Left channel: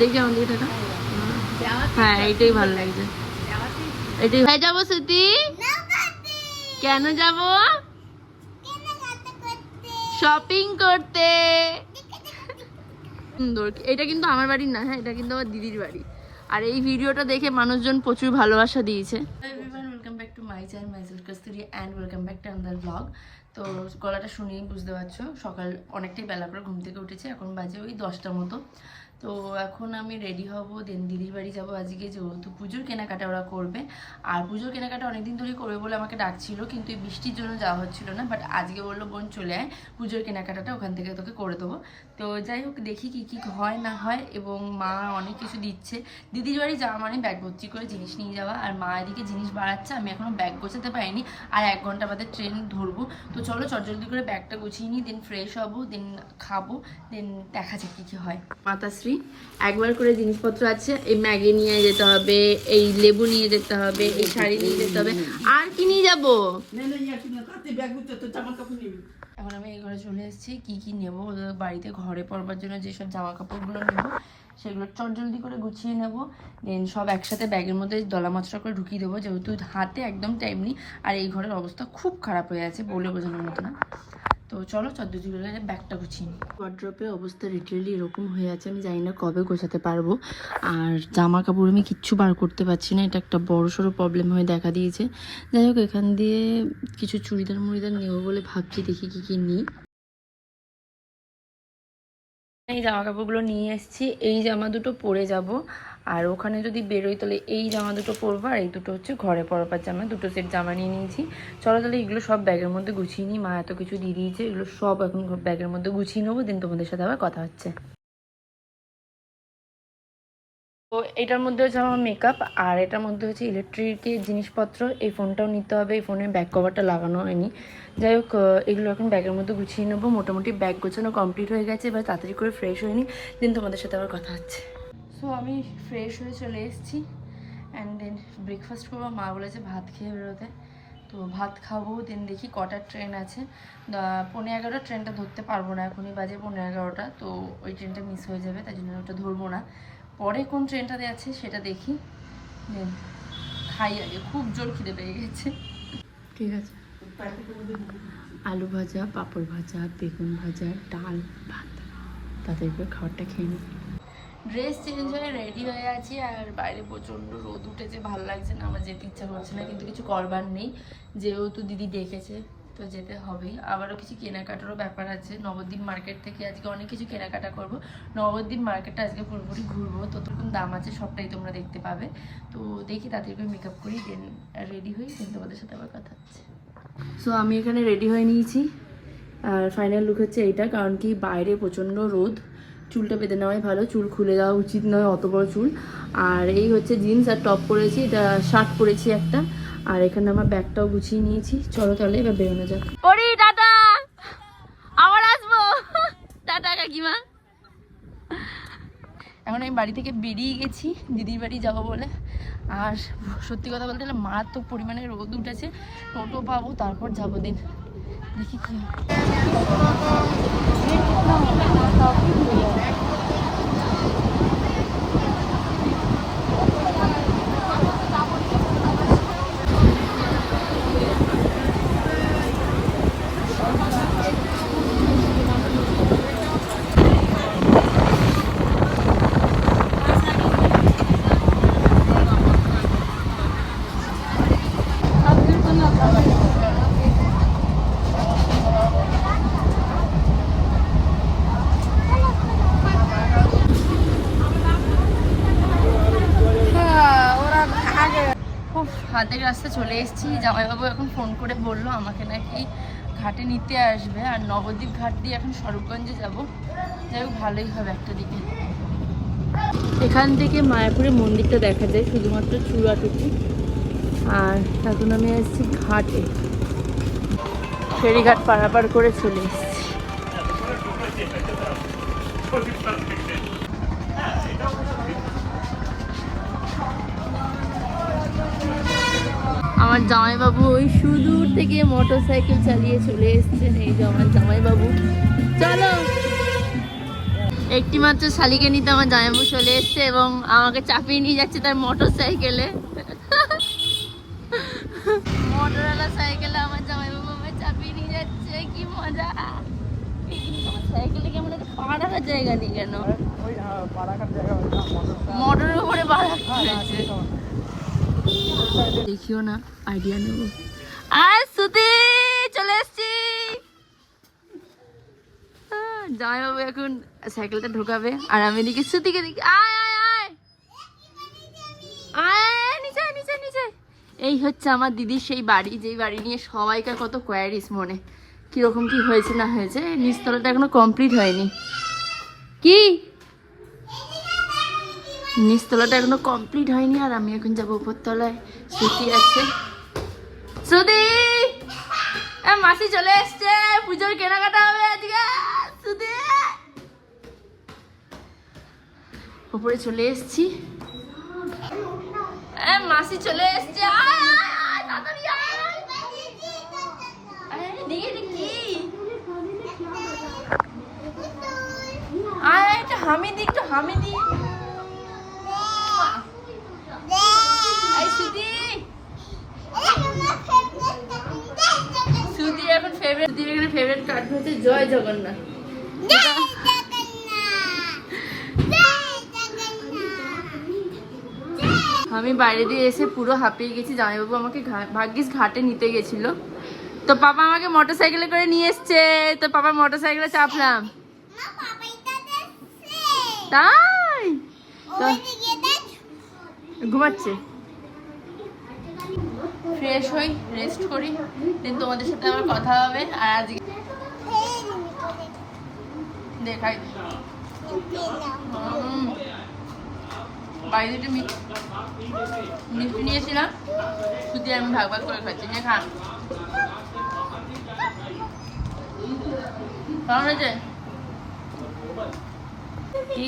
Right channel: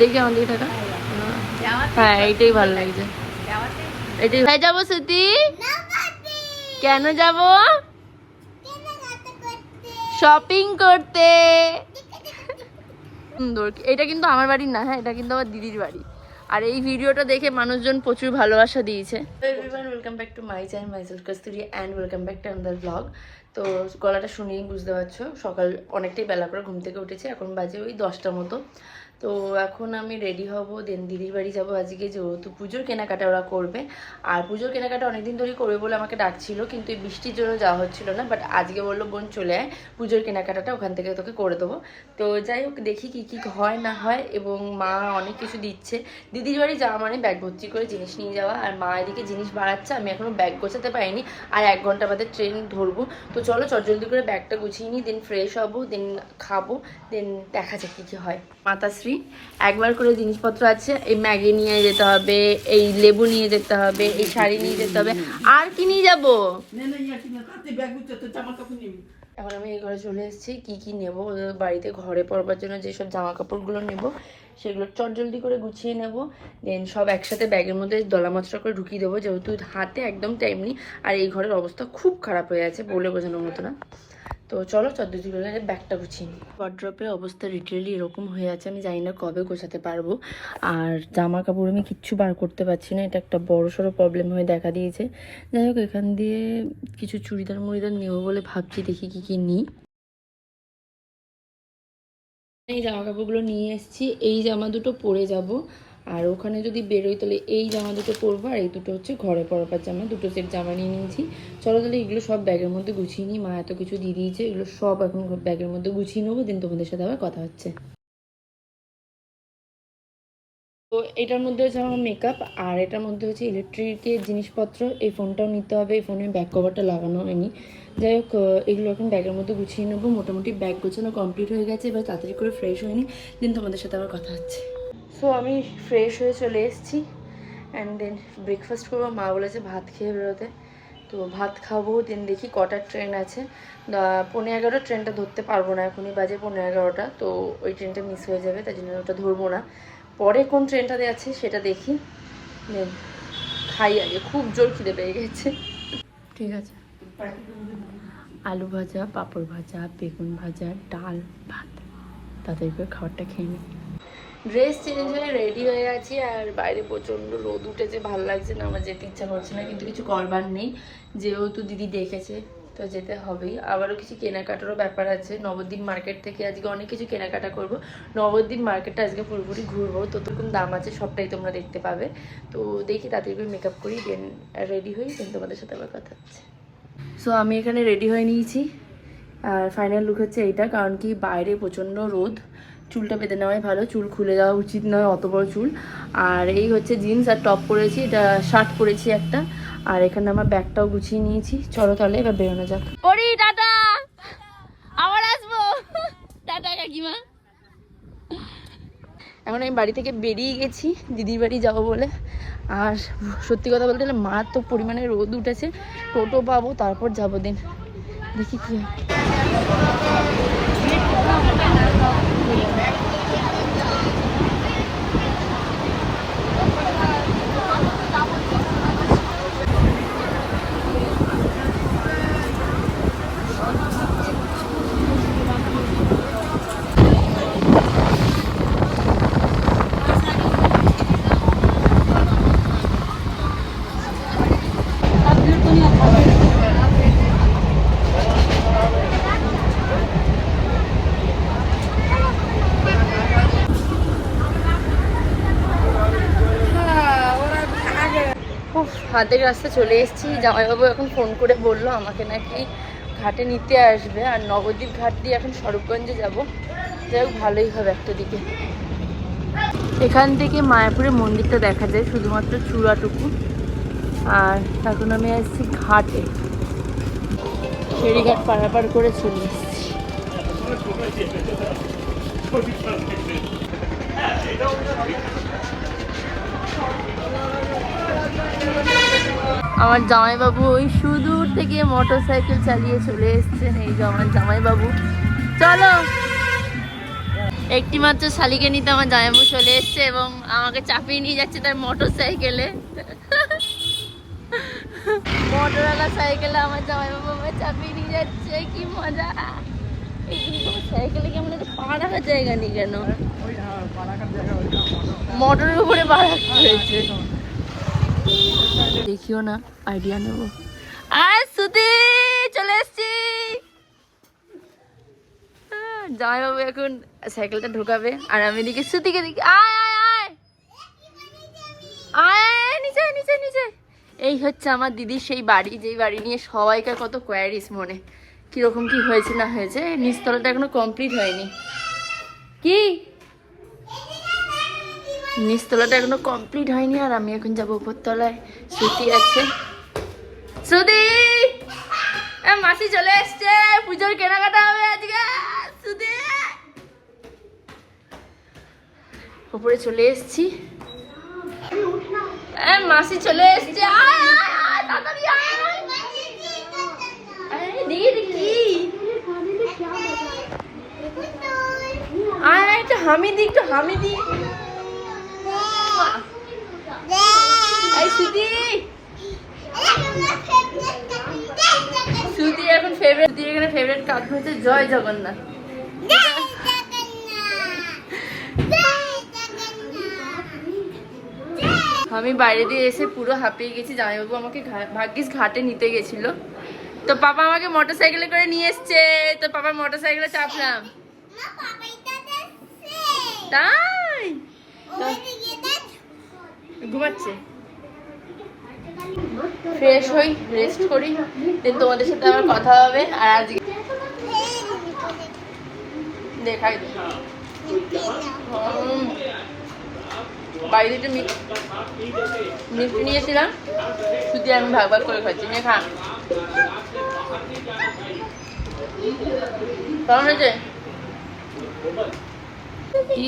দেখি আমার দিকে টাকা। হ্যাঁ এইটাই ভালো লাগছে, এটাই যাবো। স্মৃতি কেন যাব? শপিং করতে। সুন্দর। এটা কিন্তু আমার বাড়ির না, হ্যাঁ এটা কিন্তু আমার দিদির বাড়ি। আর এই ভিডিওটা দেখে মানুষজন প্রচুর ভালোবাসা দিয়েছে। Everyone, welcome back to my channel myself Kasturi and welcome back to another blog. তো গলাটা শুনেই বুঝতে পারছো সকাল অনেকটাই বেলা করে ঘুম থেকে উঠেছে, এখন বাজে ওই 10টার মতো। তো এখন আমি রেডি হব, দেন দিদির বাড়ি যাবো আজকে, যেহেতু পুজোর কেনাকাটা ওরা করবে। আর পুজোর কেনাকাটা অনেকদিন ধরেই করবে বলে আমাকে ডাকছিল, কিন্তু এই বৃষ্টির জন্য যাওয়া হচ্ছিল না। বাট আজকে বললো বোন চলে আয়, পুজোর কেনাকাটাটা ওখান থেকে তোকে করে দেবো। তো যাই হোক, দেখি কি কি হয় না হয়। এবং মা অনেক কিছু দিচ্ছে। দিদির বাড়ি যাওয়া মানে ব্যাগ ভর্তি করে জিনিস নিয়ে যাওয়া, আর মা এদিকে জিনিস বাড়াচ্ছে, আমি এখনো ব্যাগ গোছাতে পারিনি। আর 1 ঘন্টা বাদে ট্রেন ধরবো। তো চলো চটজলদি করে ব্যাগটা গুছিয়ে নিই, দেন ফ্রেশ হবো, দেন খাবো, দেন দেখা যাক কি কি হয়। মাতাশ্রী একবার করে জিনিসপত্র আছে, এই ম্যাগি নিয়ে যেতে হবে, এই লেবু নিয়ে যেতে হবে, এই শাড়ি নিয়ে যেতে হবে। আর কি নিয়ে যাবো? এখন আমি এই ঘরে চলে এসেছি। কি কি নেবো বাড়িতে ঘরে পরবার জন্য, যেসব জামা কাপড়গুলো নেবো সেগুলো চটজলদি করে গুছিয়ে নেবো। দেন সব একসাথে ব্যাগের মধ্যে দলা মচড়া করে ঢুকিয়ে দেবো, যেহেতু হাতে একদম টাইম নেই। আর এই ঘরের অবস্থা খুব খারাপ হয়ে আছে, বলে বোঝানোর মতো না। তো চলো চটজলদি করে ব্যাগটা গুছিয়ে নিই। ওয়ার্ড্রপের অবস্থা লিটারেলি এরকম হয়ে আছে, আমি জানি না কবে গোছাতে পারবো। আর জামা কাপড় আমি কিচ্ছু বার করতে পারছি না, এটা একটা বড় সড়ো প্রবলেম হয়ে দেখা দিয়েছে। যাই হোক, এখান দিয়ে কিছু চুড়িদার মুড়িদার নেবো বলে ভাবছি, দেখি কি কি নিই। এই জামা কাপড়গুলো নিয়ে এসেছি, এই জামা দুটো পরে যাব। আর ওখানে যদি বেরোই তাহলে এই জামা দুটো পরবো, আর এই দুটো হচ্ছে ঘরে পরবার জামা। দুটো সেট জামা নিয়ে নিয়েছি। চলো তাহলে এগুলো সব ব্যাগের মধ্যে গুছিয়ে নিই। মা এত কিছু দিয়ে দিয়েছে, এগুলো সব এখন ব্যাগের মধ্যে গুছিয়ে নেবো, দিন তোমাদের সাথে আবার কথা হচ্ছে। তো এটার মধ্যে হচ্ছে আমার মেকআপ, আর এটার মধ্যে হচ্ছে ইলেকট্রিকের জিনিসপত্র। এই ফোনটাও নিতে হবে, এই ফোনের ব্যাক কভারটা লাগানো হয়নি। যাই হোক, এগুলো এখন ব্যাগের মধ্যে গুছিয়ে নেবো। মোটামুটি ব্যাগ গোছানো কমপ্লিট হয়ে গেছে, এবার তাড়াতাড়ি করে ফ্রেশ হয়নি, দিন তোমাদের সাথে আবার কথা হচ্ছে। সো আমি ফ্রেশ হয়ে চলে এসেছি, অ্যান্ড দেন ব্রেকফাস্ট করবো। মা বলেছে ভাত খেয়ে বেরোতে, তো ভাত খাবো। দেন দেখি কটার ট্রেন আছে। 11:15 ট্রেনটা ধরতে পারবো না, এখনই বাজে 11:15। তো ওই ট্রেনটা মিস হয়ে যাবে, তাই জন্য ওটা ধরবো না। পরে কোন ট্রেনটাতে আছে সেটা দেখি, দেন খাই আগে, খুব জোর খিদে পেয়ে গেছে। ঠিক আছে, আলু ভাজা, পাঁপড় ভাজা, বেগুন ভাজা, ডাল, ভাত, তাদের করে খাবারটা খেয়ে নিই। ড্রেস চেঞ্জ হয়ে রেডি হয়ে আছি, আর বাইরে প্রচণ্ড রোদ উঠেছে, ভালো লাগছে না, আমার যেতে ইচ্ছা করছে না, কিন্তু কিছু করবার নেই, যেহেতু দিদি ডেকেছে তো যেতে হবেই। আবারও কিছু কেনাকাটারও ব্যাপার আছে, নবদ্বীপ মার্কেট থেকে আজকে অনেক কিছু কেনাকাটা করব। নবদ্বীপ মার্কেটটা আজকে পুরোপুরি ঘুরবো, তো তোরকম দাম আছে, সবটাই তোমরা দেখতে পাবে। তো দেখি তাড়াতাড়ি করে মেকআপ করি, দেন রেডি হই, দেন তোমাদের সাথে আবার কথা হচ্ছে। সো আমি এখানে রেডি হয়ে নিয়েছি, আর ফাইনাল লুক হচ্ছে এইটা। কারণ কি বাইরে প্রচণ্ড রোদ, চুলটা বেঁধে নেওয়াই ভালো, চুল খুলে যাওয়া উচিত নয়, অত বড় চুল। আর এই হচ্ছে জিন্স আর টপ পরেছি, এটা শার্ট পরেছি একটা। আর এখানে আমার ব্যাগটাও গুছিয়ে নিয়েছি। চলো তাহলে এবার বেরোনো যাক। পরি টাটা, আবার আসবো। টাটা কাকিমা। এখন আমি বাড়ি থেকে বেরিয়ে গেছি দিদির বাড়ি যাবো বলে। আর সত্যি কথা বলতে গেলে মারাত্মক পরিমাণে রোদ উঠেছে, টোটো পাবো তারপর যাবো, দিন দেখি কি। হাতের রাস্তা চলে এসেছি। জামাইবাবু এখন ফোন করে বললো আমাকে নাকি ঘাটে নিতে আসবে, আর নবদ্বীপ ঘাট দিয়ে এখন স্বরূপগঞ্জে যাব। যাই হোক, ভালোই হবে একটা দিকে। এখান থেকে মায়াপুরের মন্দিরটা দেখা যায়, শুধুমাত্র চূড়াটুকু। আর এখন আমি আসছি ঘাটে, ফেরিঘাট পারাপার করে চলে এসেছি। আমার জামাইবাবু ওই সুদূর থেকে মোটর সাইকেল চালিয়ে চলে এসছেন। এই যে আমার জামাইবাবু, চলো। একটি মাত্র শালিকে নিতে আমার জামাইবাবু চলে এসছে এবং আমাকে চাপিয়ে নিয়ে যাচ্ছে তার মোটর সাইকেলে। মোটরওয়ালা সাইকেলে আমার জামাইবাবু আমায় চাপিয়ে নিয়ে যাচ্ছে, কি মজা। সাইকেলে কি আমাদের পা রাখার জায়গা নেই কেন? মোটরের উপরে পা রাখতে হয়েছে। দেখিও না, আইডিয়া নেব। আর সুতি চলে এসছি। জামাইবাবু এখন সাইকেলটা ঢোকাবে আর আমি এদিকে সুতিকে দেখি। আয় আয় আয় আয়, নিচে নিচে নিচে। এই হচ্ছে আমার দিদির সেই বাড়ি, যেই বাড়ি নিয়ে সবাইকার কত কোয়ারিস মনে, কিরকম কি হয়েছে না হয়েছে। নিচতলাটা এখনো কমপ্লিট হয়নি। কি নিচতলাটা এখনো কমপ্লিট হয়নি আর আমি এখন যাবো উপরতলায়। শ্রুতি আছে। শ্রুতি, মাসি চলে এসছে, পুজোর কেনাকাটা হবে আজকে। শ্রুতি, উপরে চলে এসছি। মাসি চলে এসছে। আয় আয় আয় তাড়াতাড়ি আয়। দেখি দেখি, আয় একটা হামি দি, একটু হামি দি। সুতি, সুতি এখন ফেভারিট দিয়ে, এখানে ফেভারিট কার্ড হচ্ছে জয় জগন্নাথ। আমি বাইরে দিয়ে এসে পুরো হাঁপিয়ে গেছি। জামাইবাবু আমাকে ভাগ্যিস ঘাটে নিতে গেছিল, তো পাপা আমাকে মোটর সাইকেলে করে নিয়ে এসছে। তো পাপার মোটর সাইকেলে চাপলাম। তাই ঘুমাচ্ছে। ফ্রেশ হই, রেস্ট করি, দেন তোমাদের সাথে আমার কথা হবে। আর আজকে দেখাই বাইরে একটু মিষ্টি নিয়েছিলাম, শুধু আমি ভাগ ভাগ করে খাচ্ছি। নিয়ে খা, কেমন হয়েছে? কি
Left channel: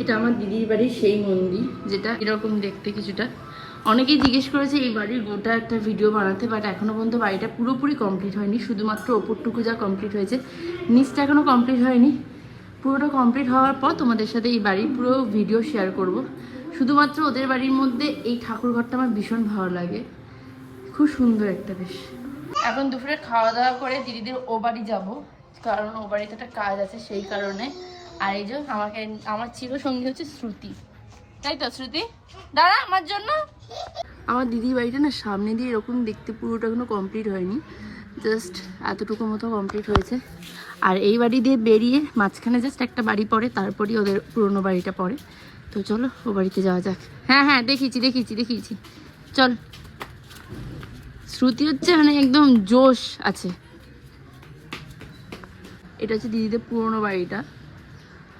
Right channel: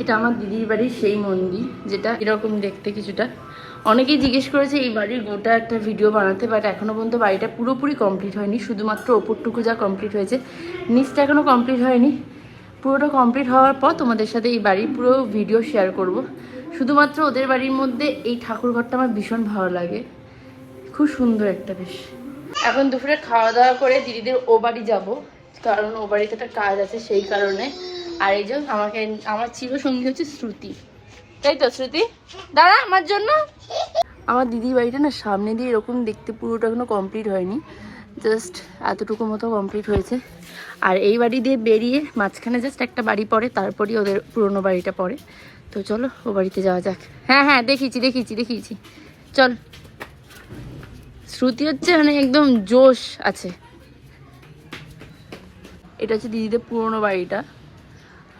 এটা আমার দিদির বাড়ির সেই মন্দির, যেটা এরকম দেখতে কিছুটা। অনেকেই জিজ্ঞেস করেছে এই বাড়ির গোটা একটা ভিডিও বানাতে, বাট এখনো পর্যন্ত বাড়িটা পুরোপুরি কমপ্লিট হয়নি। শুধুমাত্র ওপরটুকু যা কমপ্লিট হয়েছে, নিচটা এখনো কমপ্লিট হয়নি। পুরোটা কমপ্লিট হওয়ার পর তোমাদের সাথে এই বাড়ির পুরো ভিডিও শেয়ার করব। শুধুমাত্র ওদের বাড়ির মধ্যে এই ঠাকুরঘরটা আমার ভীষণ ভালো লাগে, খুব সুন্দর একটা বেশ। এখন দুপুরে খাওয়া দাওয়া করে দিদিদের ও বাড়ি যাবো, কারণ ও বাড়িতে একটা কাজ আছে সেই কারণে। আর এই যে আমার চিরসঙ্গী হচ্ছে শ্রুতি, তাই তো শ্রুতি? দাঁড়া আমার জন্য। আমার দিদির বাড়িটা না সামনে দিয়ে এরকম দেখতে, পুরোটা এখনো কমপ্লিট হয়নি, জাস্ট এতটুকু মতো কমপ্লিট হয়েছে। আর এই বাড়ি দিয়ে বেরিয়ে মাঝখানে জাস্ট একটা বাড়ি পড়ে, তারপরেই ওদের পুরোনো বাড়িটা পড়ে। তো চলো ও বাড়িতে যাওয়া যাক। হ্যাঁ হ্যাঁ দেখিয়েছি চল। শ্রুতি হচ্ছে মানে একদম জোশ আছে। এটা হচ্ছে দিদিদের পুরোনো বাড়িটা,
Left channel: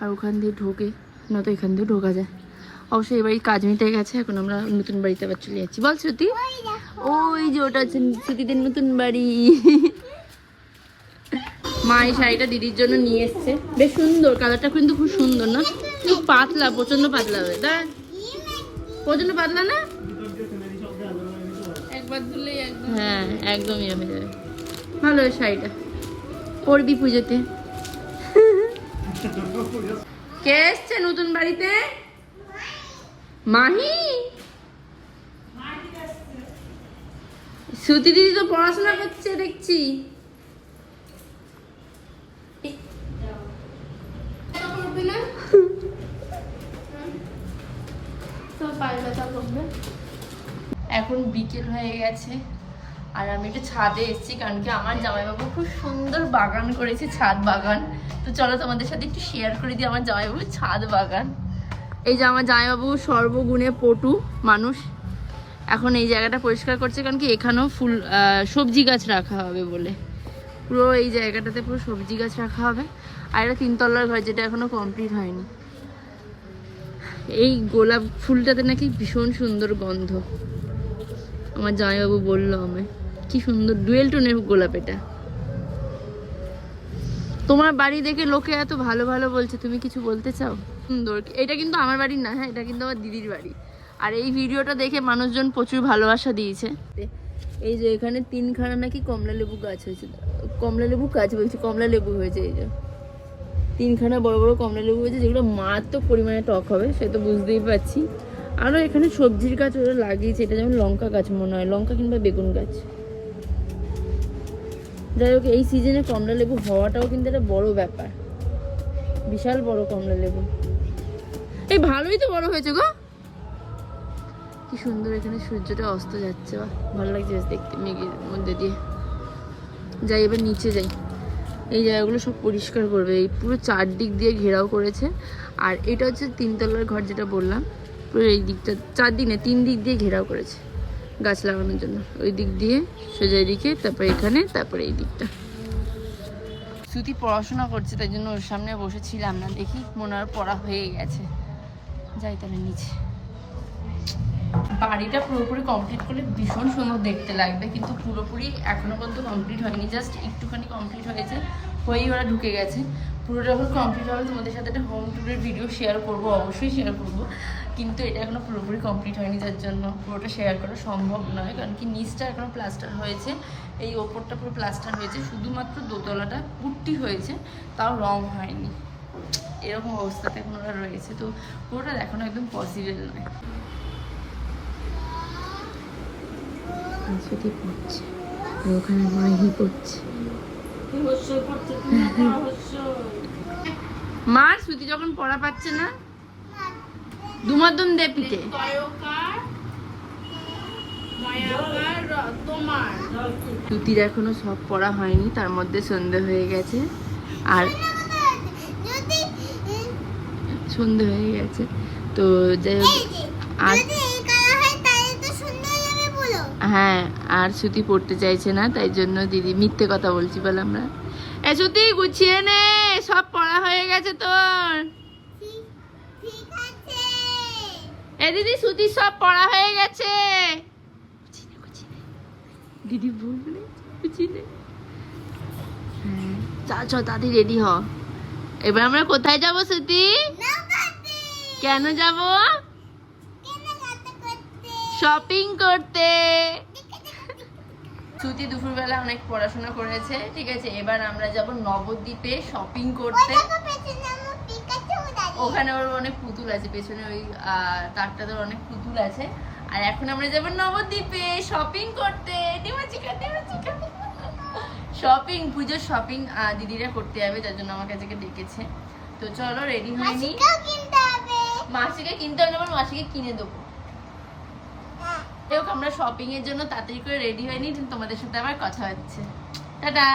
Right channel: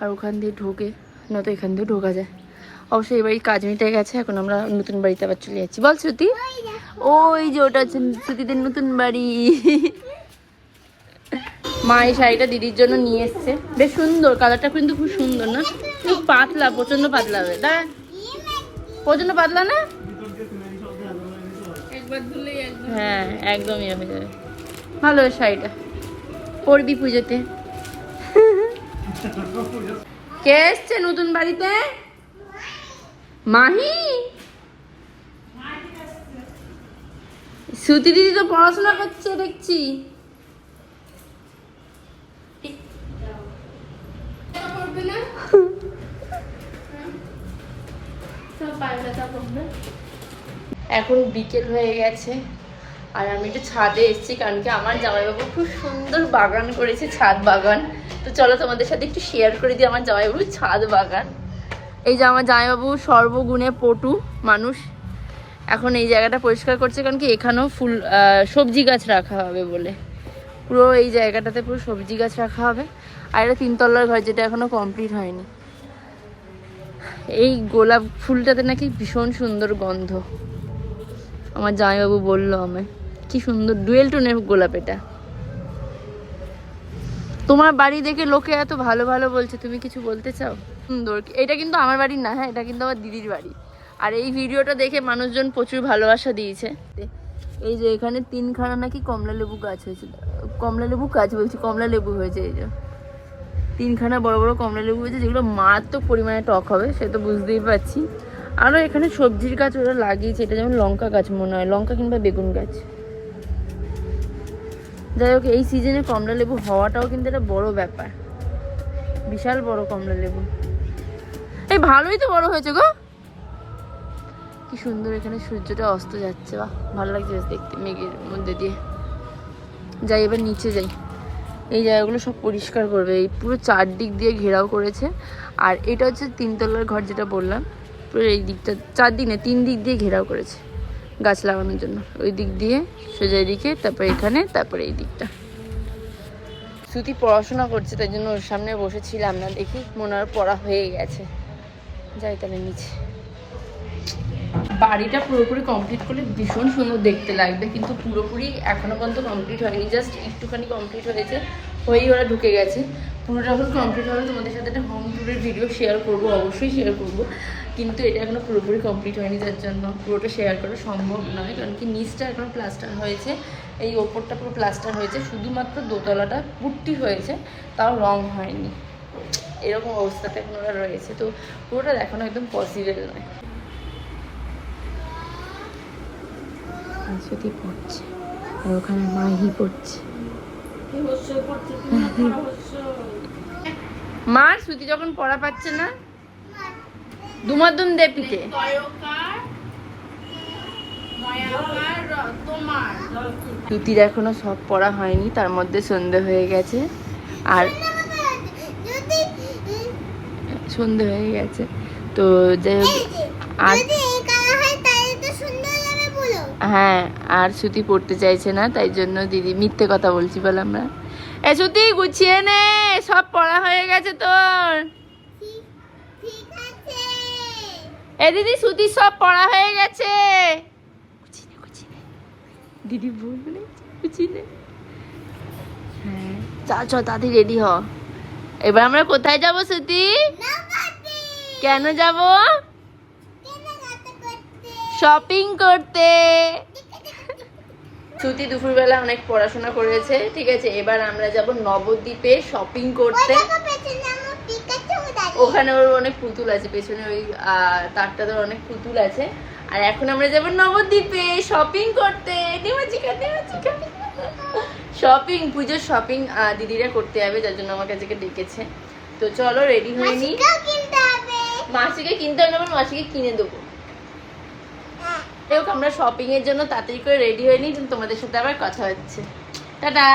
আর ওখান দিয়ে ঢোকে, নয়তো এখান দিয়ে ঢোকা যায়। অবশ্যই এই বাড়ির কাজ মিটে গেছে, এখন আমরা নতুন বাড়িতে আবার চলে যাচ্ছি। বল শ্রুতি, ওই যে ওটা হচ্ছে শ্রুতিদের নতুন বাড়ি। মা এই শাড়িটা দিদির জন্য নিয়ে এসছে, বেশ সুন্দর, কালারটা কিন্তু খুব সুন্দর না? খুব পাতলা, প্রচন্ড পাতলা হবে। দাঁড়া, প্রচন্ড পাতলা না? একবার ধুলেই হ্যাঁ একদমই হয়ে যাবে। ভালো শাড়িটা, পরবি পুজোতে। কে এসছে নতুন বাড়িতে? মাহি? শ্রুতি দিদি তো পড়াশোনা করছে দেখছি। এখন বিকেল হয়ে গেছে আর আমি একটু ছাদে এসেছি, কারণ কি আমার জামাইবাবু খুব সুন্দর বাগান করেছে, ছাদ বাগান। তো চলো তোমাদের সাথে একটু শেয়ার করে দিই আমার জামাইবাবুর ছাদ বাগান। এই যে আমার জামাইবাবু সর্বগুণে পটু মানুষ, এখন এই জায়গাটা পরিষ্কার করছে, কারণ কি এখানেও ফুল সবজি গাছ রাখা হবে বলে। পুরো এই জায়গাটাতে পুরো সবজি গাছ রাখা হবে। আর এটা 3 তলার ঘর, যেটা এখনো কমপ্লিট হয়নি। এই গোলাপ ফুলটাতে নাকি ভীষণ সুন্দর গন্ধ, আমার জামাইবাবু বললো আমায়। কি সুন্দর ডুয়েল টোনের গোলাপ এটা। তোমার বাড়ি দেখে লোকে এত ভালো ভালো বলছে, তুমি কিছু বলতে চাও? সুন্দর। এটা কিন্তু আমার বাড়ি না, হ্যাঁ এটা কিন্তু আমার দিদির বাড়ি। আর এই ভিডিওটা দেখে মানুষজন প্রচুর ভালোবাসা দিয়েছে। এই যে এখানে 3খানা নাকি কমলা লেবু গাছ হয়েছে, কমলা লেবু গাছ বলছি, কমলা লেবু হয়েছে। এই যে 3খানা বড় বড় কমলা লেবু হয়েছে, যেগুলো মারাত্মক পরিমাণে টক হবে, সে তো বুঝতেই পারছি। আরও এখানে সবজির গাছ ওরা লাগিয়েছে, এটা যেমন লঙ্কা গাছ মনে হয়, লঙ্কা কিংবা বেগুন গাছ। যাই হোক, এই সিজনে কমলা লেবু হওয়াটাও কিন্তু একটা বড় ব্যাপার, বিশাল বড় কমলা লেবু। এই ভালোই তো বড় হয়েছে গো, কি সুন্দর। এখানে সূর্যটা অস্ত যাচ্ছে, বাহ ভালো লাগছে দেখতে মেঘের মধ্যে দিয়ে। যাই এবার নিচে যাই, এই জায়গাগুলো সব পরিষ্কার করবে, এই পুরো চারদিক দিয়ে ঘেরাও করেছে। আর এটা হচ্ছে 3তলার ঘর, যেটা বললাম, পুরো এই দিকটা, 4 দিক না 3 দিক দিয়ে ঘেরাও করেছে গাছ লাগানোর জন্য। ওই দিক দিয়ে সোজা দিকে, তারপরে এখানে, তারপরে এই দিকটা। শ্রুতি পড়াশোনা করছে, তাই জন্য ওর সামনে বসেছিলাম না, দেখি মনে হয় পড়া হয়ে গেছে। যাই তাহলে নিচে। বাড়িটা পুরোপুরি কমপ্লিট করলে ভীষণ সুন্দর দেখতে লাগবে, কিন্তু পুরোপুরি এখনো পর্যন্ত কমপ্লিট হয়নি, জাস্ট একটুখানি কমপ্লিট হয়েছে, হয়েই ওরা ঢুকে গেছে। পুরোটা যখন কমপ্লিট হবে তোমাদের সাথে একটা হোম ট্যুরের ভিডিও শেয়ার করবো, অবশ্যই শেয়ার করবো, কিন্তু এটা এখনো পুরোপুরি কমপ্লিট হয়নি, যার জন্য পুরোটা শেয়ার করা সম্ভব নয়। কারণ কি নিচটা এখনো প্লাস্টার হয়েছে, এই ওপরটা পুরো প্লাস্টার হয়েছে, শুধুমাত্র দোতলাটা পুট্টি হয়েছে, তাও রং হয়নি। এরকম অবস্থাতে এখন ওরা রয়েছে, তো পুরোটা দেখানো একদম পসিবল নয়। শ্রুতি পড়ছে আর ওখানে মাহি পড়ছে। মা শ্রুতি যখন পড়া পাচ্ছে না, দুমাদুম দে পিঠে। শ্রুতির এখনো সব পড়া হয়নি, তার মধ্যে সন্ধে হয়ে গেছে। আর সন্ধে হয়ে গেছে, তো যাই হোক, আর হ্যাঁ, আর শ্রুতি পড়তে চাইছে না, তাই জন্য দিদি মিথ্যে কথা বলছি বলে আমরা। শ্রুতি গুছিয়ে নে, সব পড়া হয়ে গেছে তোর। দিদি শ্রুতি সব পড়া হয়ে গেছে, দিদি বলবে গুছিয়ে নে। হ্যাঁ চল তাড়াতাড়ি রেডি হ। এবার আমরা কোথায় যাবো শ্রুতি? কেন যাব? শপিং করতে। শ্রুতি দুপুরবেলা অনেক পড়াশোনা করেছে, ঠিক আছে, এবার আমরা যাব নবদ্বীপে শপিং করতে। ওখানে ওর অনেক পুতুল আছে, পেছনে ওই তারটাতে অনেক পুতুল আছে। আর এখন আমরা যাব নবদ্বীপে শপিং করতে। শপিং, পুজোর শপিং দিদিরা করতে যাবে, যার জন্য আমার কাছে ডেকেছে। তো চলো রেডি হয়ে নি। মাসিকে কিনতে হবে, মাসিকে কিনে দেবো। আমরা শপিং এর জন্য তাড়াতাড়ি করে রেডি হয়ে নিই, তোমাদের সাথে আবার কথা হচ্ছে। টাটা।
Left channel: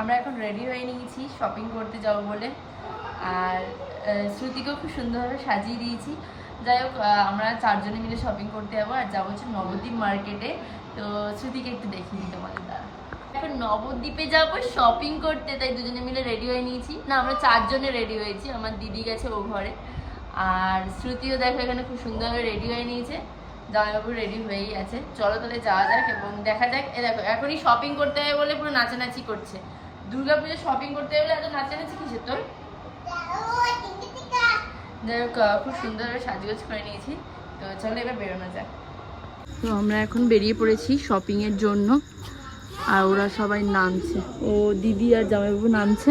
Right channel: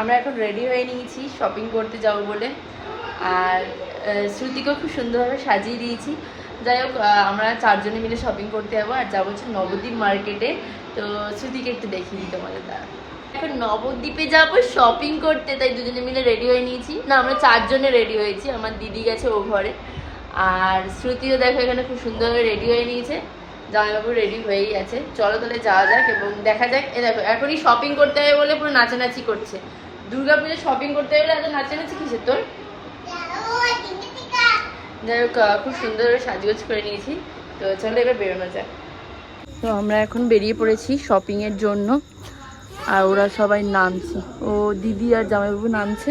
আমরা এখন রেডি হয়ে নিয়েছি শপিং করতে যাবো বলে, আর শ্রুতিকেও খুব সুন্দরভাবে সাজিয়ে দিয়েছি। যাই হোক, আমরা 4 জনে মিলে শপিং করতে যাবো, আর যাবো হচ্ছে নবদ্বীপ মার্কেটে। তো শ্রুতিকে একটু দেখিয়ে দিই তোমাদের দ্বারা। এখন নবদ্বীপে যাবো শপিং করতে, তাই দুজনে মিলে রেডি হয়ে নিয়েছি। না, আমরা 4 জনে রেডি হয়েছি, আমার দিদি গেছে ও ঘরে, আর শ্রুতিও দেখো এখানে খুব সুন্দরভাবে রেডি হয়ে নিয়েছে। জামাইবাবু রেডি হয়েই আছে, চলো তাহলে যাওয়া যাক এবং দেখা যাক। এ দেখো এখনই শপিং করতে হবে বলে পুরো নাচানাচি করছে। দুর্গাপুজো শপিং করতে হবে এত নাচানাচি কিসের তোর? যাই হোক, খুব সুন্দরভাবে সাজগোজ করে নিয়েছি, তো চলো এবার বেরোনো যাক। তো আমরা এখন বেরিয়ে পড়েছি শপিং এর জন্য, আর ওরা সবাই নামছে, ও দিদি আর জামাইবাবু নামছে,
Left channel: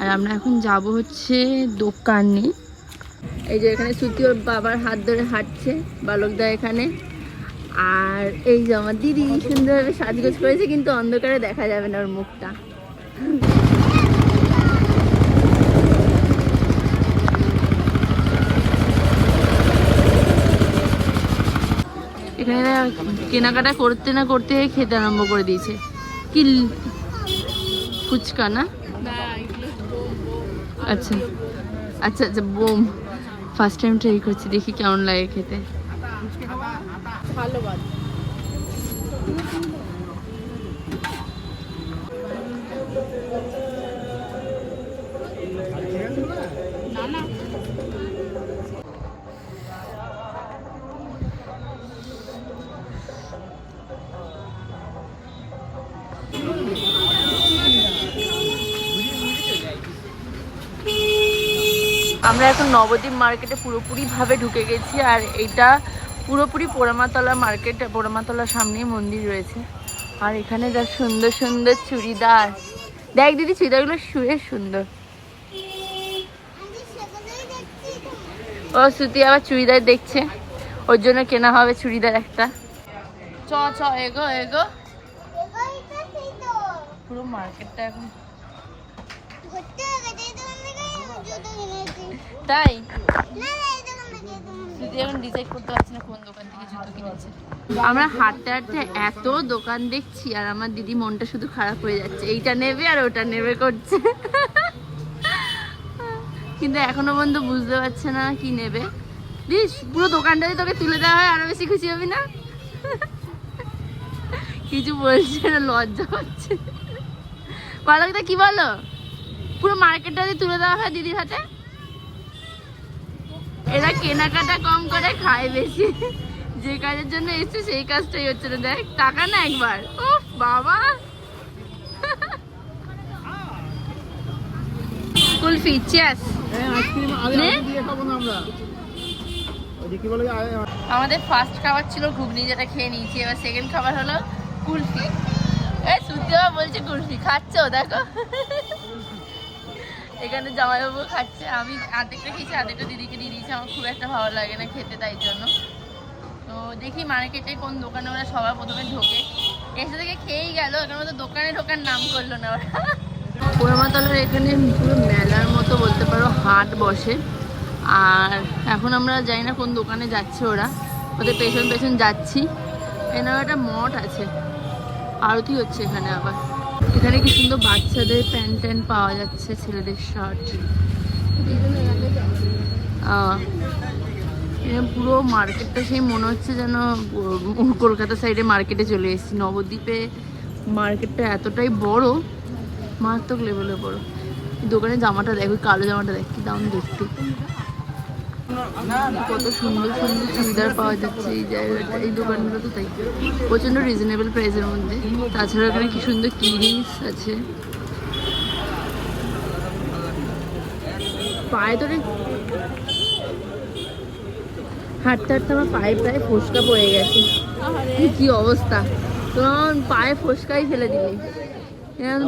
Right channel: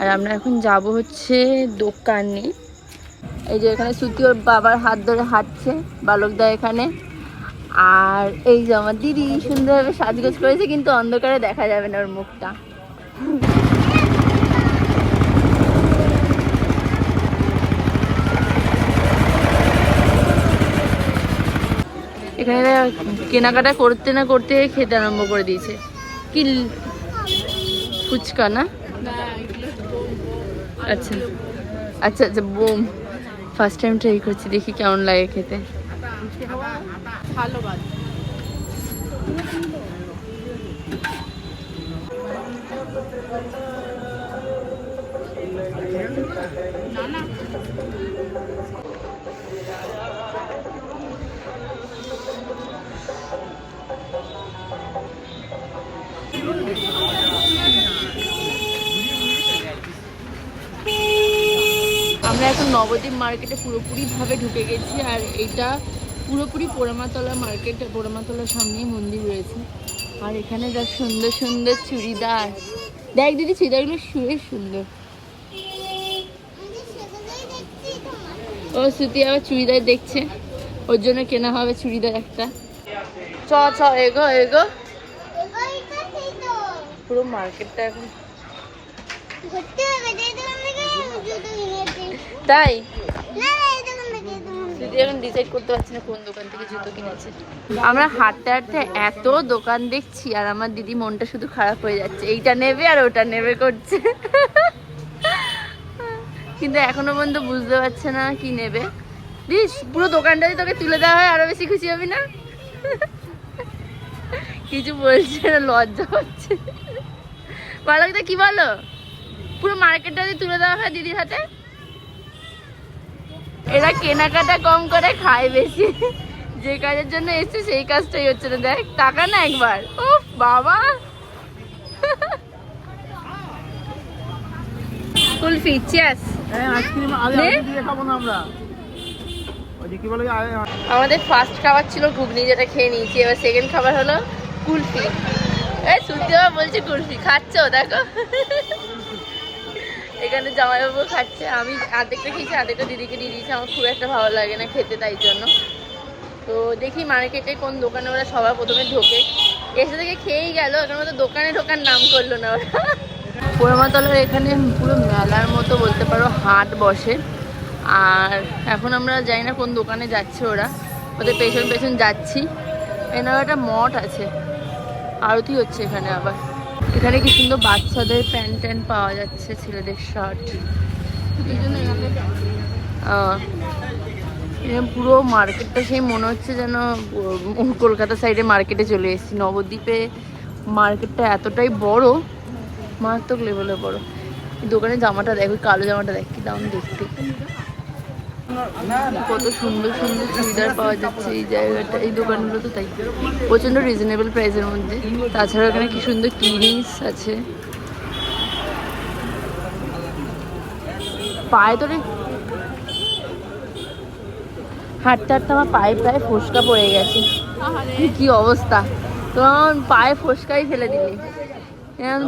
আর আমরা এখন যাব হচ্ছে দোকানে। এই যে এখানে শ্রুতি ওর বাবার হাত ধরে হাঁটছে, বালকদা এখানে। আর এই যে আমার দিদি সুন্দরভাবে সাজগোজ করেছে, কিন্তু অন্ধকারে দেখা যাবে না ওর মুখটা। এখানে কেনাকাটা করতে না করতে খেতে আরম্ভ করে দিয়েছে। কি ফুচকা না? আচ্ছা আচ্ছা আচ্ছা, বোম। ফার্স্ট টাইম ট্রাই করছি, দেখি কেমন লাগে খেতে। আমরা এখন নবদ্বীপ মার্কেটে পুরোপুরিভাবে ঢুকে গেছি। আর এটা পুরোপুরি পোড়ামাতলা মার্কেট, পোড়ামাতলার সামনেই মন্দির রয়েছে। আর এখানে দেখ সুন্দর সুন্দর চুড়িদার, দেখ দিদি চুড়িদারগুলো শুয়ে সুন্দর। ও শ্রুতি আবার চুড়িদার দেখছে, ওর জন্য কেনা হবে চুড়িদার একটা। চ চ এগো এগো, পুরো মার্কেটটা এখন তাই দিদি এখন ডিসাইড করতে পারছি না কোন দোকান থেকে জুতো কিনেছে। আমরা হাঁটতে হাঁটতে এত দোকান দেখছি আর আমার দিদি মনটা শুধু খারাপ হয়ে যাচ্ছে, এইটা নেবে আর ওটা নেবে করছে। কিন্তু এখনো পর্যন্ত বুঝতে পারছে না কি নেবে। দিস পুরো দোকানটা যদি তোকে তুলে দেওয়া হয় আরো বেশি খুশি হবি না? কিছু বলছে না, লজ্জা হচ্ছে। বলো কি বলো, পুরো মার্কেটটা যদি তুলে দেওয়া হয় দিদির হাতে। এরা কেনাকাটা কম করে খায় বেশি, যে কাজের জন্য এসছে সেই কাজটাই হচ্ছে না। দেখ টাকা না একবার, ও বাবা। কুলফি চিয়াস, আমাদের ফার্স্ট খাবার ছিল ঘুগনি, যেটা খেয়ে নিয়েছি। এবার সেকেন্ড খাবার হলো কুলফি। এই সুতি বলছে কুলফি খাচ্ছ, দেখো এখানে জামাইবাবু খাচ্ছে। আমি আর্ধেকটা খেয়েছি, আর্ধেকটা দিদিকে দিয়ে দিয়েছি। আমার খুব একটা ভালো লাগে না খেতে, তাই জন্য। তো দেখি মার্কেটে কোন দোকানে ওরা সবার প্রথমে ঢোকে, এসে থেকে খেয়েই গেল, ওখানে মতো দোকানে ঢোকার নাম করলো না ওরা। পোড়ামাতলার এখানে পুরো মেলার মতো বলতে পারো, হাট বসে। আর এখন আমরা জানি না কোন দোকানে যাচ্ছে ওরা, ওদের পেছন পেছন যাচ্ছি। এখানে একটা মঠ আছে, আরতি হচ্ছে এখানে। আবার এখানে কি সুন্দর বাচ্চাদের প্যান্ট ট্যান্ট পাওয়া যাচ্ছে, ছেলেদের শার্ট। পুরো মার্কেটটা সেই মনে হচ্ছে যেন কলকাতা সাইডে মার্কেটে চলে এসেছি। নবদ্বীপে মার্কেটটা এতটাই বড়, মারাত্মক লেভেলে বড়। এই দোকানে জামাটা দেখ, ওই কালো জামাটা দেখ, কি দাম দেখতে। কত সুন্দর সুন্দর চুড়িদার পাওয়া যাচ্ছে এই জায়গাটা, এই দোকানগুলো তো তাই প্রচন্ড রিজনেবল প্রাইসের মধ্যে। তাছাড়া এখানে কি সুন্দর কিরিংস আছে। পায়ে তো হাঁটতে হাঁটতে আমার পায়ে প্রায় ফোসকা পড়ে গেছে, কি অবস্থা। তো আমার পায়ে ফোসকাই ফেলে দিলি।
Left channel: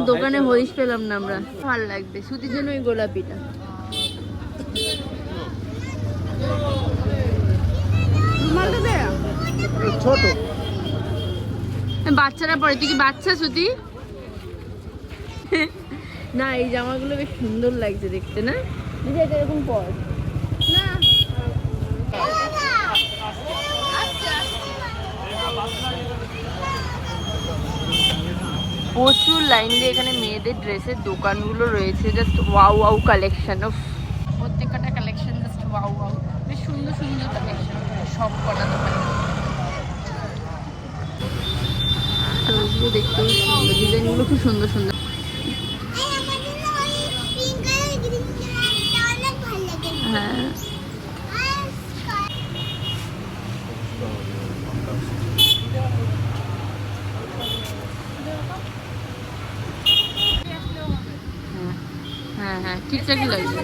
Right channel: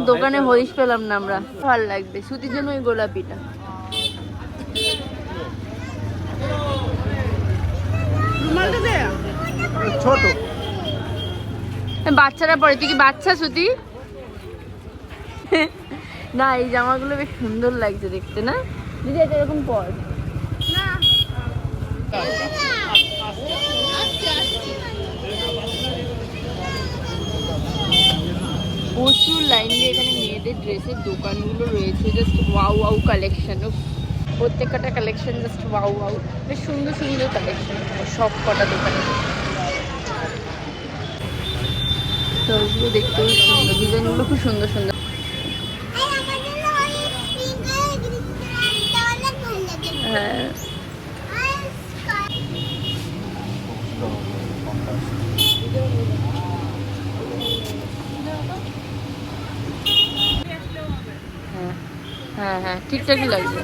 দোকানে হরিশ পেলাম না আমরা, ভালো লাগবে সুতির জন্য ওই গোলাপিটা। বাচ্চারা পরে, তুই কি বাচ্চা সুতি? না এই জামাগুলো বেশ সুন্দর লাগছে দেখতে, না দিদি? এটা এরকম পর প্রচুর লাইন দিয়ে এখানে মেয়েদের ড্রেসের দোকানগুলো রয়েছে। Just wow wow collection, of প্রত্যেকটা কালেকশন জাস্ট ওয়াও ওয়াও। বেশ সুন্দর সুন্দর কালেকশন এখানে সব কটা দোকানে। তো ওগুলো দেখতেও সুন্দর, ডিজাইনগুলো খুব সুন্দর সুন্দর। হ্যাঁ হ্যাঁ হ্যাঁ ঠিকঠাকই লাগছে।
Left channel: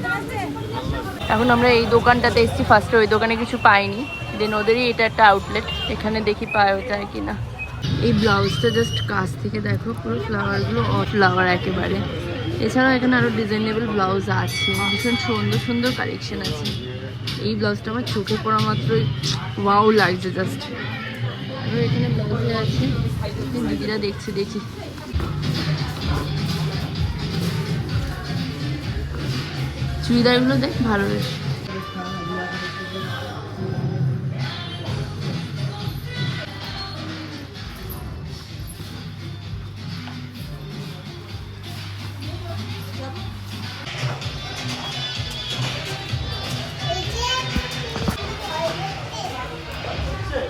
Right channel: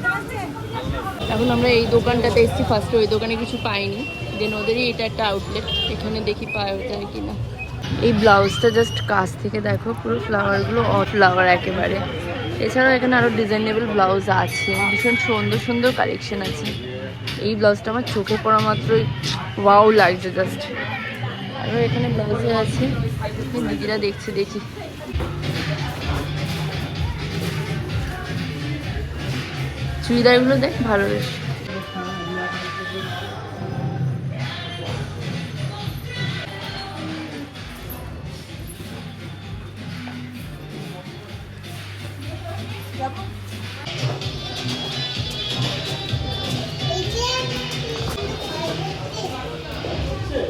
এখন আমরা এই দোকানটাতে এসেছি ফার্স্টে, ওই দোকানে কিছু পাইনি। দেন ওদেরই এটা একটা আউটলেট, এখানে দেখি পায় ওটাই কিনা। এই ব্লাউজটা জাস্ট কাছ থেকে দেখো, পুরো ফ্লাওয়ারগুলো অফ ফ্লাওয়ার একেবারে। এছাড়াও এখানে আরও ডিজাইনেবল ব্লাউজ আছে, ভীষণ সুন্দর সুন্দর কালেকশন আছে। এই ব্লাউজটা আমার চোখে পড়া মাত্রই ওয়াও লাগছে জাস্ট। এবার এখানে ব্লাউজে আছে, দিদিরা দেখছি দেখি। চুড়িদারগুলো দেখ ভালো বেশ।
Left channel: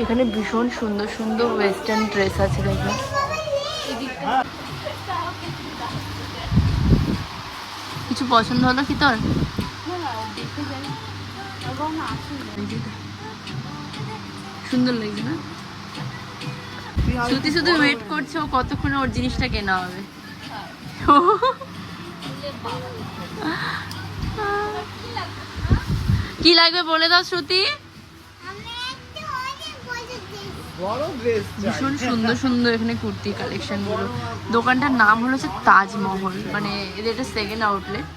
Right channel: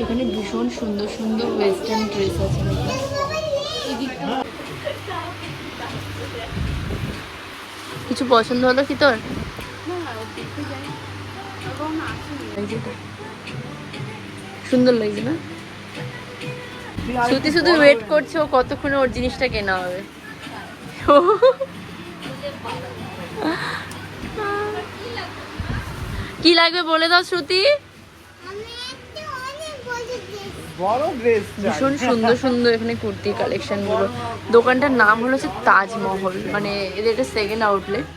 এখানে ভীষণ সুন্দর সুন্দর ওয়েস্টার্ন ড্রেস আছে দেখো। কিছু পছন্দ হলো কি তোর? সুন্দর লাগছে না? তুই শুধু ওয়েট করছে ও কতক্ষণে ওর জিনিসটা কেনা হবে। কি লাগবে বলে দাও শ্রুতি। ভীষণ সুন্দর সুন্দর এখানে কুর্তির কালেকশন গুলো। দোকানটার নাম হলো হচ্ছে তাজমহল, মানে এটা সেকেন্ড আউটলেট।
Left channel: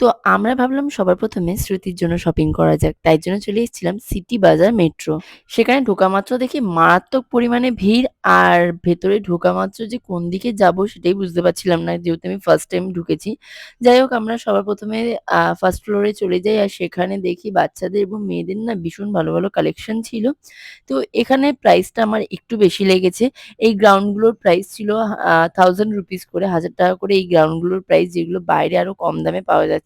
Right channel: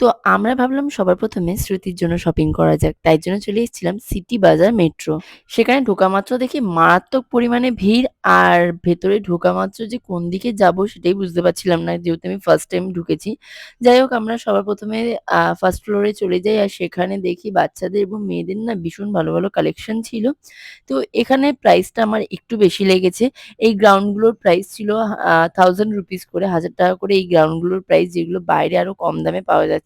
তো আমরা ভাবলাম সবার প্রথমে শ্রুতির জন্য শপিং করা যাক, তাই জন্য চলে এসেছিলাম সিটি বাজার মেট্রো। সেখানে ঢোকা মাত্র দেখি মারাত্মক পরিমাণে ভিড়, আর ভেতরে ঢোকা মাত্র যে কোন দিকে যাব সেটাই বুঝতে পারছিলাম না, যেহেতু আমি ফার্স্ট টাইম ঢুকেছি। যাই হোক, আমরা সবার প্রথমে ফার্স্ট ফ্লোরে চলে যাই, আর সেখানে দেখি বাচ্চাদের এবং মেয়েদের না ভীষণ ভালো ভালো কালেকশন ছিল। তো এখানে প্রাইসটা আমার একটু বেশি লেগেছে। এই গ্রাউন্ডগুলোর প্রাইস ছিল 1000 রুপিস করে, 1000 টাকা করে এই গ্রাউন্ডগুলোর প্রাইস, যেগুলো বাইরে আরো কম দামে পাওয়া যাচ্ছিল।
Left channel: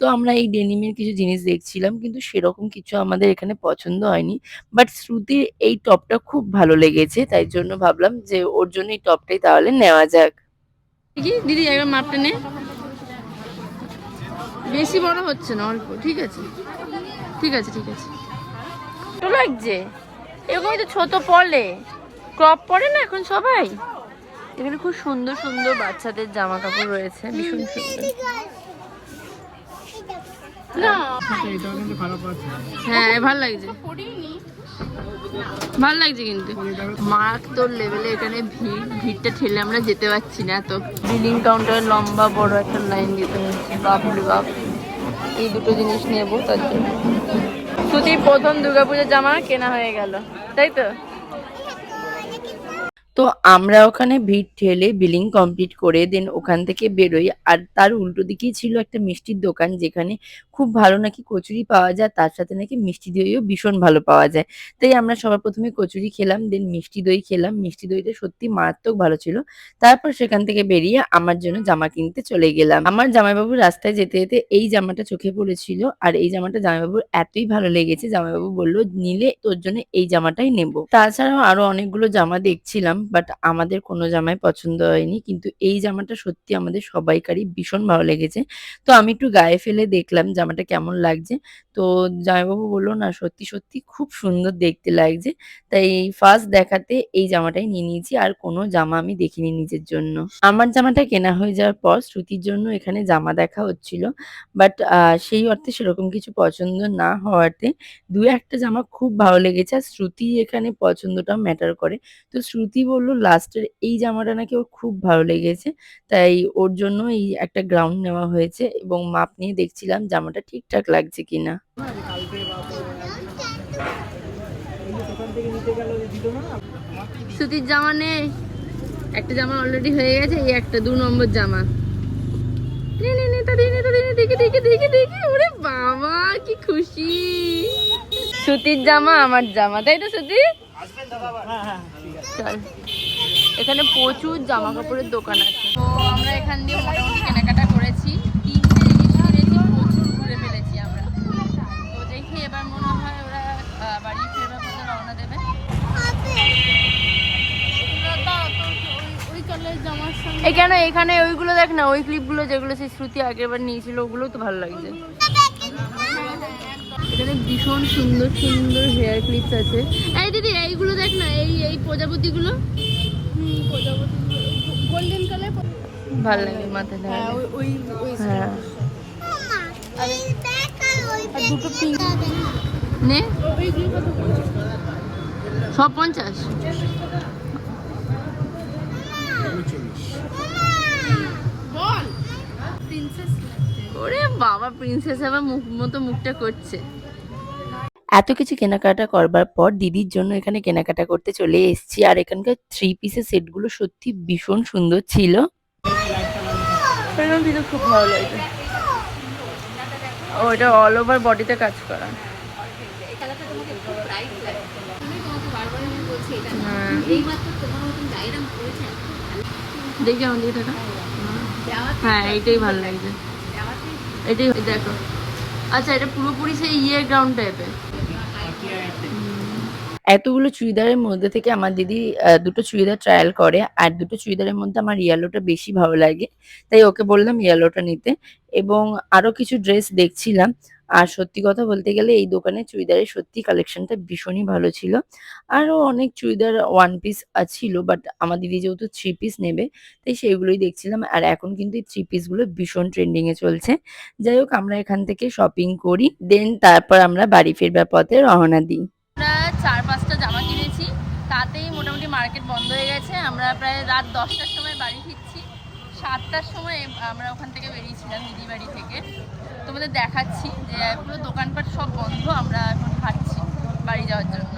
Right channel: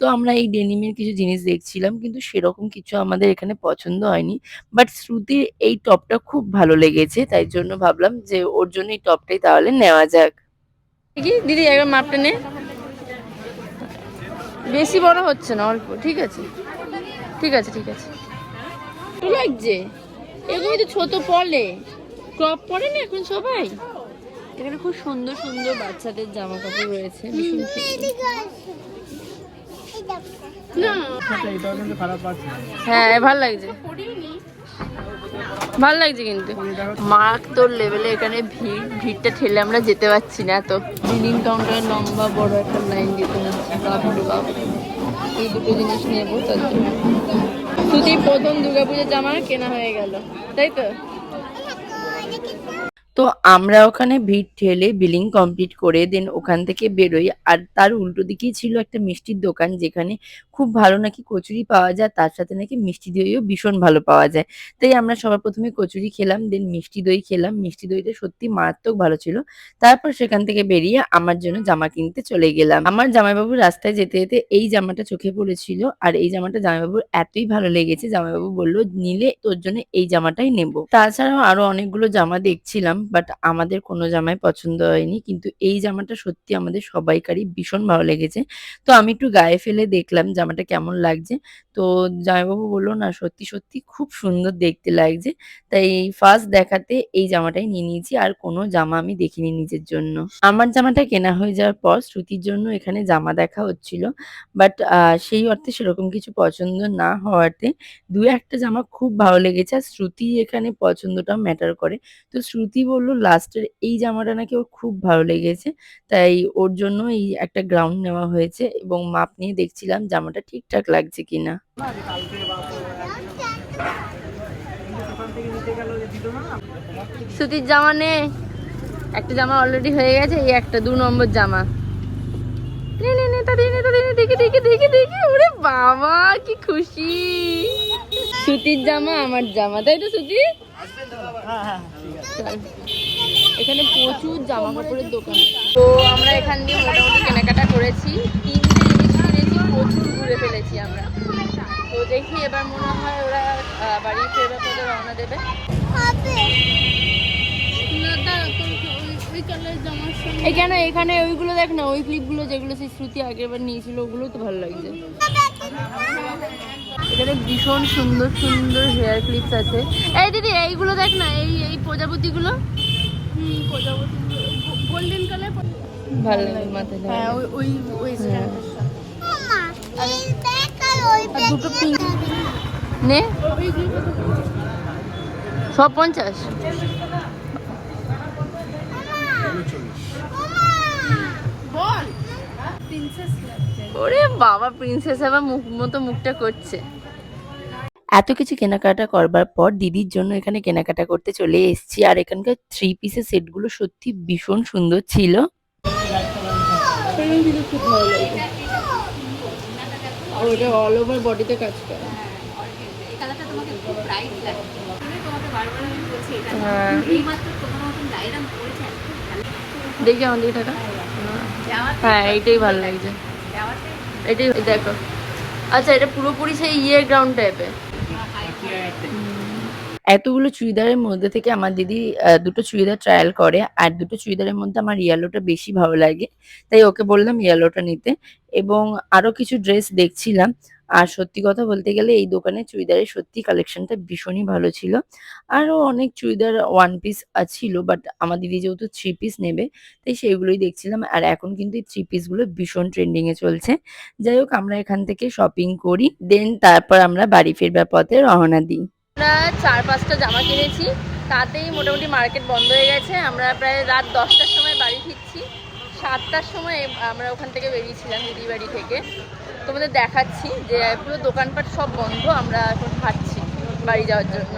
তো আমরা এই ডেনিমের কিছু জিনিস দেখছিলাম, কিন্তু সেরকম কিছু আমাদের এখানে পছন্দ হয়নি। বাট শ্রুতির এই টপটা খুব ভালো লেগেছে, তাই জন্য ভাবলাম যে ওর জন্য এই টপটাই তাহলে নেওয়া যাক। কি দিদি একবার মাপটা নে, বেশি বড় হচ্ছে না, অল্প, ঠিক আছে ঠিক আছে ঠিক আছে। তো লাগছে এরকমই তো ছোট পরলে, ক্রপ পরে না এখন সবাই। এখানে খুব সুন্দর সুন্দর বাচ্চাদের জামা কাপড় রয়েছে, ভীষণ সুন্দর। না হ্যাঁ ভাল লাগছে, ভাল লাগছে, কিন্তু মারাত্মক লেভেলে এখানে ভিড়টা ঠেলে আমরা যেতে পারছি না, এত বিলিং কাউন্টারে লম্বা বড় একটা লাইন দিতে হচ্ছে, বাপরে বাপ। এই দুটো জিনিস নেবো, তার জন্য শুধুই প্রথম দুর্গাপূজার জামা কেনা হয়ে গেল, তাই তো। তো আমরা ওখানে ভিড় ঠেলে বিলিং কমপ্লিট করে দেন ওখান থেকে বেরোই, আর তার উল্টো দিকেই ছিল একটা মিষ্টির দোকান, যেখানে খুব ভালো নাকি কচুরি পাওয়া যায়, তার সাথে নাকি মিষ্টি দইও ভীষণ ভালো পাওয়া যায়। তাই আমরা সবার প্রথমে কচুরি খেলাম, দেন মিষ্টি দই খেলাম। মিষ্টি দইটা সত্যি মারাত্মক ভালো ছিল। তারপর সেখান থেকে বেরিয়ে আমার জন্য জামা কিনতে চলে গেলাম। আমার জামাইবাবু রাস্তায় যেতে যেতে এই জামাটা চোখে পড়েছিল, আর এই জামাটা জামাইবাবুর এতই ভালো লেগেছে, জামাইবাবু বলল নিলে তোর জন্য এই জামাটাই নেব। তাছাড়াও আরো অনেকগুলো জামা দেখছিলাম, বাট আমাদের কোনো জামাই পছন্দ হয়নি, কিন্তু এই জামাটা সত্যি আমাদের সবাইকারই ভীষণ ভালো লেগেছে। তো আমি একটু গায়ে ফেলে দেখলাম জামাটা কেমন লাগছে। তো জামাইবাবু বললো না সত্যি সত্যি খুব সুন্দর দেখতে লাগছে। তাই ফার্স্ট দেখাতে এই জামাটাই নিয়ে নিয়েছি, আর কোনো জামা আমি দেখিনি নিজের জন্য। আমার জামাটা কেনা হয়ে যাওয়ার পর শ্রুতির জন্য এখানে জামা দেখা হচ্ছিল, বাট সেই অর্থে সেরকম কিছু পছন্দ না হওয়াতে দু একটা জামা খুব ভালো লেগেছে, আর শ্রুতি এখানে পছন্দটাও ম্যাটার করে। তো শ্রুতি বলল লাস্টের এই জামাটা নাকি ওর খুব ভালো লেগেছে, তাই ওর জন্য এই একটা গ্রাউন্ড নেওয়া হয়েছে, এবং মাপ নিয়ে দেখছিলাম জামাটা ঠিকঠাক লাগছে কিনা। শ্রুতির জামা নে, একটা জামা অলরেডি হয়ে গেছে, এই একটা 2 নম্বর জামা। নে নে নে তাড়াতাড়ি নে, তাড়াতাড়ি দেখি দেখি দেখি দেখি, ওরে বাবা কি খুশি। সুতির জামা আমার জামা, তাই তো শ্রুতি? চল, এখানে প্রচুর জামা কাপড়ের দোকান আছে। তো আমরা এখান দিয়ে মোটামুটি কেনাকাটা করেছি, 3টে জিনিস কিনেছি, প্রচুর ঘুরে ফেলেছি আমরা। তো দেখি এবার মনে হয় ওরা বাড়ি ফেরবার পথে রওনা দেবে। এই কেন এখানে ওইগুলো দেখ না, ওই ক্লিপগুলো যেগুলো সেই শ্রুতি আগেরবার নিয়েছিল, ওগুলো তো ভালো লাগছে। এখানে ভীষণ সুন্দর সুন্দর হেয়ার ক্লিপস আছে। এই দিদি এইগুলো দেখ না, এই এই প্রজাপতিগুলো ভালো লাগে মাথায়। হ্যাঁ নে সব 50। ওরে বাবা, প্রিন্সেস আবার মুখ মতো মুখটা করছে। এত কিছু কেনাকাটা করবার পর দিদির জন্য এখানে কেনাকাটা করতে চলে এসেছি, আর এখানকার 3 পিসের সেটগুলো সত্যি ভীষণ সুন্দর ছিল। খুব ভালো লাগে, ওটা অল ওভার বডিতে কাজ করা। হ্যাঁ দেখি আমার দিকে টাকা। হ্যাঁ এইটাই ভালো লাগছে, এটাই দেখো। আচ্ছা এটা পুরোপুরি সেই গ্রাউন্ড টাইপের। এতগুলো চুড়িদারের মধ্যে থেকে আমার দিদি দুটো চুড়িদার ট্রায়াল করে, আর দুটো চুড়িদারের মধ্যে আমার ইয়েলোটা বেশি ভালো লাগে, তাই ওকে বললাম ইয়েলোটা নিতে। এবং আরো কিছু ড্রেস দেখছিলাম, আর সত্যি কথা বলতে গেলে এই দোকানের চুড়িদারের সত্যি কালেকশনটা ভীষণই ভালো ছিল। আরও অনেক চুড়িদার ওয়ান পিস ছিল, বাট আমার দিদি যেহেতু থ্রি পিস নেবে তাই সেগুলোই দেখছিলাম। আর এখন কিন্তু এই থ্রি পিসগুলো ভীষণ ট্রেন্ডিং এ চলছে। যাই হোক আমরা এখান থেকে শপিং করি, দেন তারপর আমরা বাড়ি ফিরবার পথে রওনা দিই। আমরা 4-5টা জামা কিনেছি, তাতেই মোটামুটি মার্কেট বন্ধ হয়ে গেছে। আমরা প্রায় রাত 10টার সময় বাড়ি ফিরছি। 7টার সময় আমরা ওখান থেকে বেরিয়েছিলাম দিদির বাড়ি থেকে। তোমাদের দেখাচ্ছি যে পুরো দোকানপাট সব বন্ধ, আমরা এখন খাচ্ছি বাড়ি যাওয়ার জন্য।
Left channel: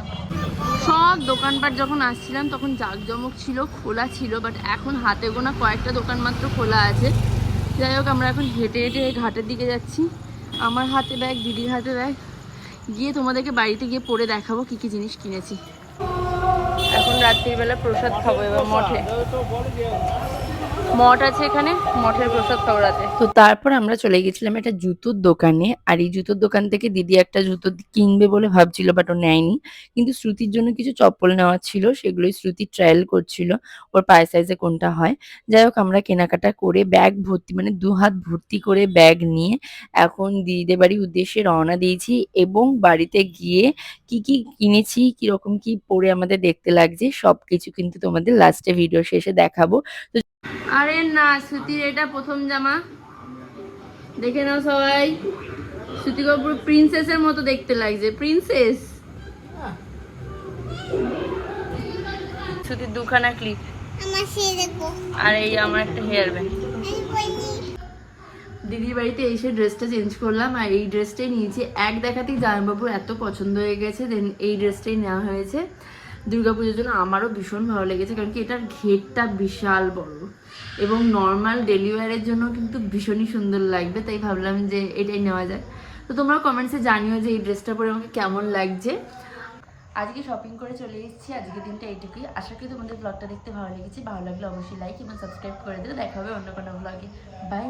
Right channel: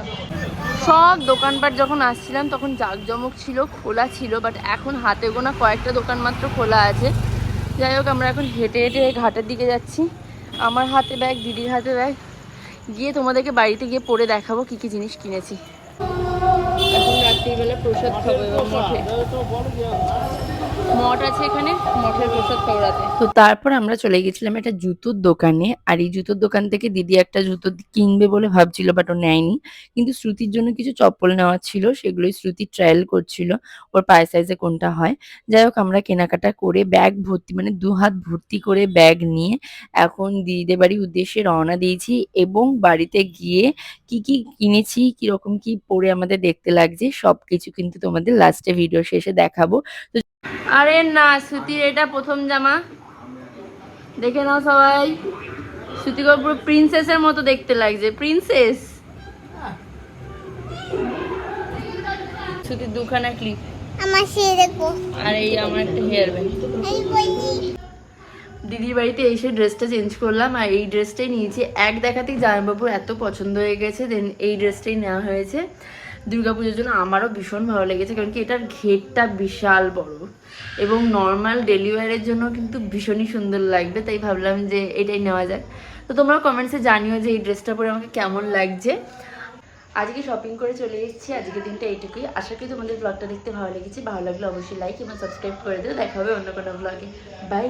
সব দোকানপাট যখন আসছিলাম তখন জাঁকজমক ছিল, খোলা ছিল, বাট এখন হাতে গোনা কয়েকটা দোকান মাত্র খোলা আছে। যাই হোক আমরা এখন হেঁটে হেঁটে ঘাটের দিকে যাচ্ছি। আমার হাতে ব্যাগ, দিদির হাতে ব্যাগ, গিয়ে তোমাদেরকে বাড়িতে গিয়ে পরে দেখাবো কি কি জিনিস কিনেছি। এখন রাত্রিবেলা প্রসাদ খাবো এবার মঠে, মঠ আছে এখানে, মঠের প্রসাদ খাবো রাতে। তো তারপর আমরা চলে গেছিলাম একটা জুতোর দোকানে, আর এই জুতোর দোকান থেকে দিদি একটা জুতো কিনবে বলে ভাবছিল, বাট ও নেয়নি। কিন্তু শ্রুতির জন্য কিছু চপ্পল নেওয়া ছিল, সেগুলোই শ্রুতি ট্রায়াল করছিল ওর পায়ের সাইজে কোনটা হয়। যাই হোক আমরা কেনাকাটা করে ব্যাগ ভর্তি, মানে 2 হাত ভর্তি করে ব্যাগ নিয়ে এখন দিদিদের বাড়ির উদ্দেশ্যে রওনা দিয়েছি। এবং বাড়িতে গিয়ে কি কি কিনেছি, কিরকম কি পরে আমাদের দেখতে লাগছে সবকিছু কিন্তু তোমাদের লাস্টে ভিডিও শেষে দেখাবো। তো আরে না, শ্রুতির এটা প্রথম জামা, দেখে নাও সবাই। শ্রুতিকে পুরো প্রিন্সেসের মতো দেখতে লাগছে, প্রিন্সেস। শ্রুতির দুখানা ক্লিপ, আর এই আমার একটা হেয়ার ব্যান্ড। দিদির বাড়িতে এসে ড্রেসটা চেঞ্জ করলাম, আর এই ড্রেসটাই নিয়েছি। এক দেখাতেই জামাইবাবুর এত পছন্দ হয়ে গেছে, দেন এই ড্রেসটাই নেওয়া হয়েছে দুর্গাপুজোর জন্য। আমারও ভীষণ ভালো লেগেছে, কারণ কি এটার ঘেরটা বিশাল বড় এবং নর্মাল ডেলি ওয়্যারের জন্য কিন্তু ভীষণই সুন্দর লাগবে, তাই ভাবলাম যে এটাই নেওয়া যাক। তো তোমরা কমেন্টসে জানিও যে এই ড্রেসটা পরে আমাকে কেমন লাগছে। আজকে শপিং করে চলে এসেছি, আজকে দিনটা এইটুকুই। আশা করি তোমাদের ব্লগটা দেখতে ভালো লেগেছে। ভালো লাগলে অবশ্যই লাইক এবং সাবস্ক্রাইব করে দিও। দেখা হবে অন্য কোনো ব্লগে। বাই।